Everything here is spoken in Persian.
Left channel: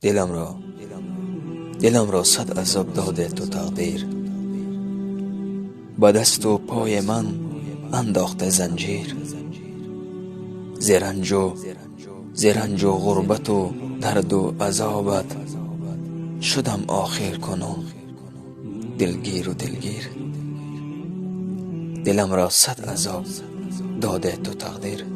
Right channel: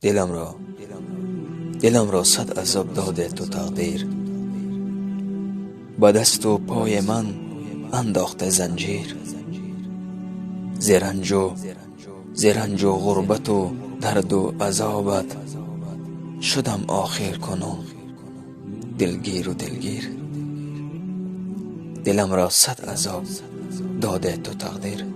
دلم را صد عذاب داده تو تقدیر. با دست و پای من انداخته زنجیر. زرنج و غربت و درد و عذابت شدم آخر کنون دلگیر و دلگیر. دلم را صد عذاب داده تو تقدیر.